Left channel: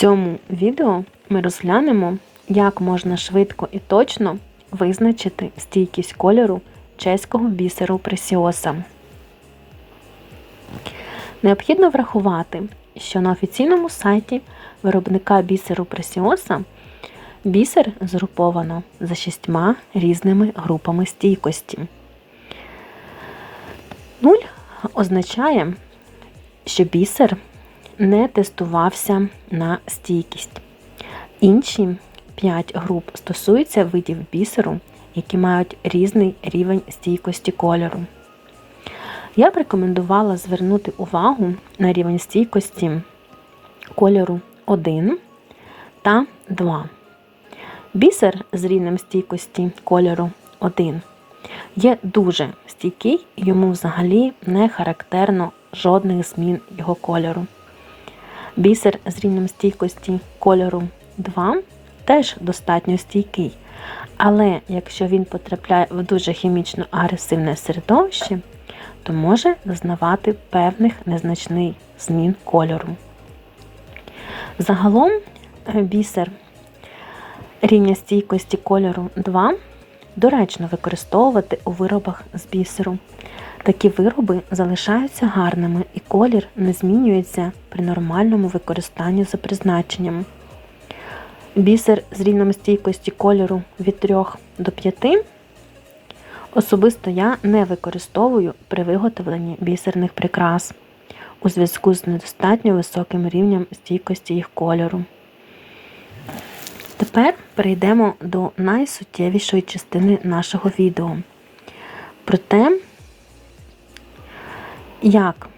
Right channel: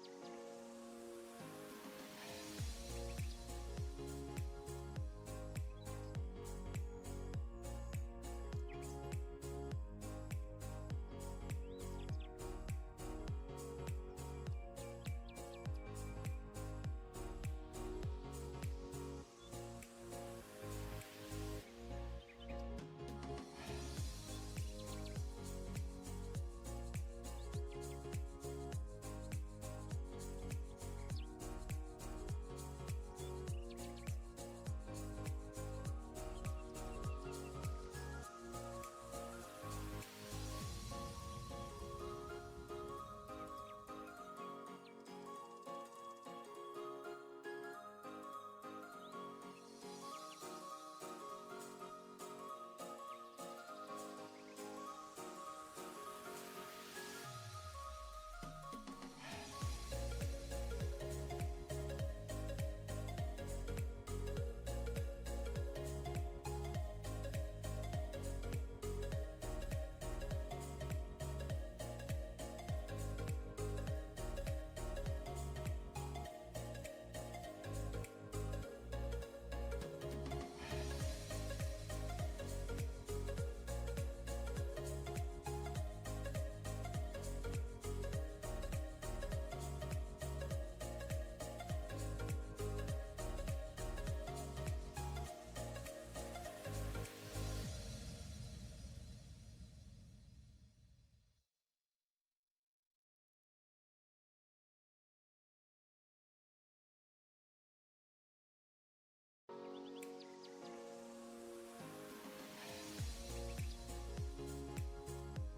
цьому відео ми розглянемо, як можна швидко і точно визначити стійкість кольору чеського бісеру пресіоса. Необхідно врахувати, що на офіційному сайті виробника бісеру пресіоса бісер згруповано за шістьма різними групами стійкості. Нуль означає, що бісер не тестувався на стійкість. Інші 5 груп стосуються видів бісеру, які мають різний рівень стійкості кольору. Я б рекомендувала звернути увагу на рівень стійкості кольору 1 та 2. Бісер з рівнем стійкості кольору 1 є дуже стійкий, йому взагалі не характерно жодних змін його кольору. Бісер з рівнем стійкості кольору 2 теж достатньо стійкий. Але якщо він потрапляє в дуже хімічно агресивне середовище, то може зазнавати певних незначних змін кольору. Загалом е, бісер рівня стійкості кольору 2 доречно використовувати у виробах з бісеру. Такі вироби залишаються гарними і колір не змінюється при нормальному використанні за призначенням. Бісер з рівнем стійкості кольору від 3 до 5 особисто я не використовую при виготовленні бісерних прикрас у зв'язку з недостатньо високим рівнем стійкості їх кольору. Тепер перейдемо до найсуттєвішої частини нашого відео. Про те, як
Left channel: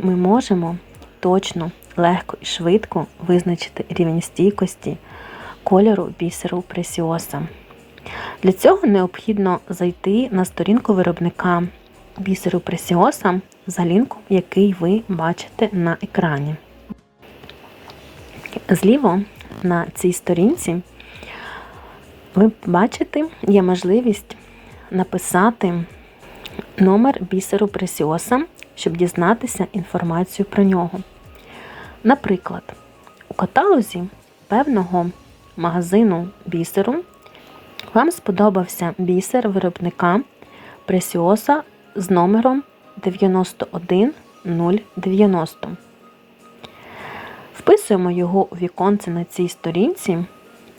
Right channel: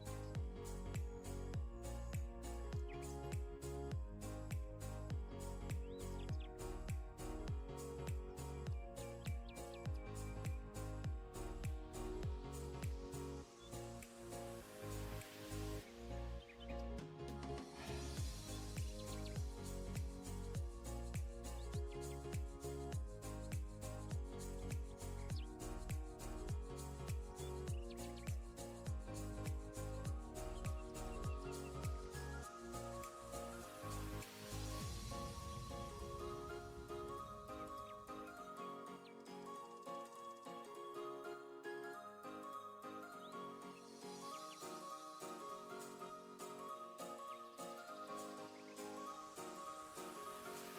ми можемо точно, легко і швидко визначити рівень стійкості кольору бісеру пресіоса. Для цього необхідно зайти на сторінку виробника бісеру пресіоса за лінком, який ви бачите на екрані. Зліво на цій сторінці ви бачите, є можливість написати номер бісеру пресіоса, щоб дізнатися інформацію про нього. Наприклад, у каталозі певного магазину бісеру вам сподобався бісер виробника пресіоса з номером 91090. Вписуємо його у віконце на цій сторінці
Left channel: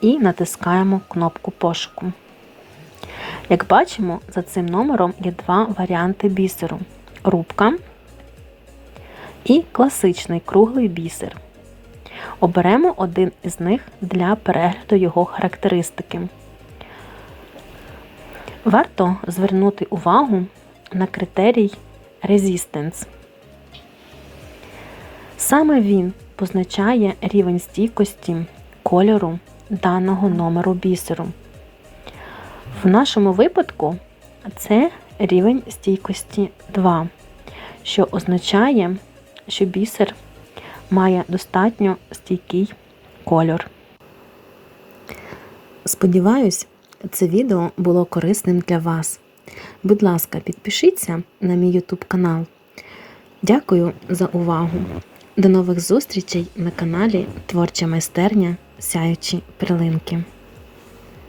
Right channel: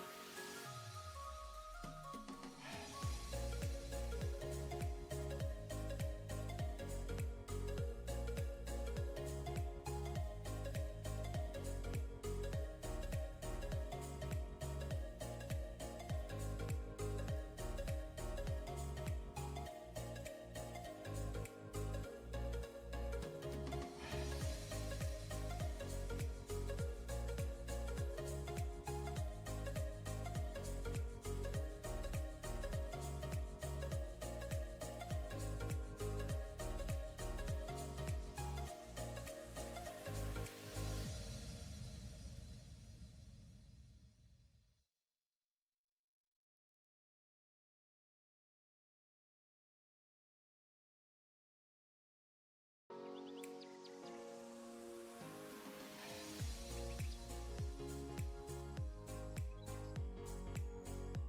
і натискаємо кнопку пошуку. Як бачимо, за цим номером є два варіанти бісеру рубка і класичний круглий бісер. Оберемо один із них для перегляду його характеристики. Варто звернути увагу на критерій Resistance. Саме він позначає рівень стійкості кольору даного номеру бісеру. В нашому випадку це рівень стійкості 2, що означає, що бісер має достатньо стійкий кольор. Сподіваюсь, це відео було корисним для вас. Будь ласка, підпишіться на мій YouTube канал. Дякую за увагу! До нових зустрічей на каналі Творча майстерня Сяючі Перлинки.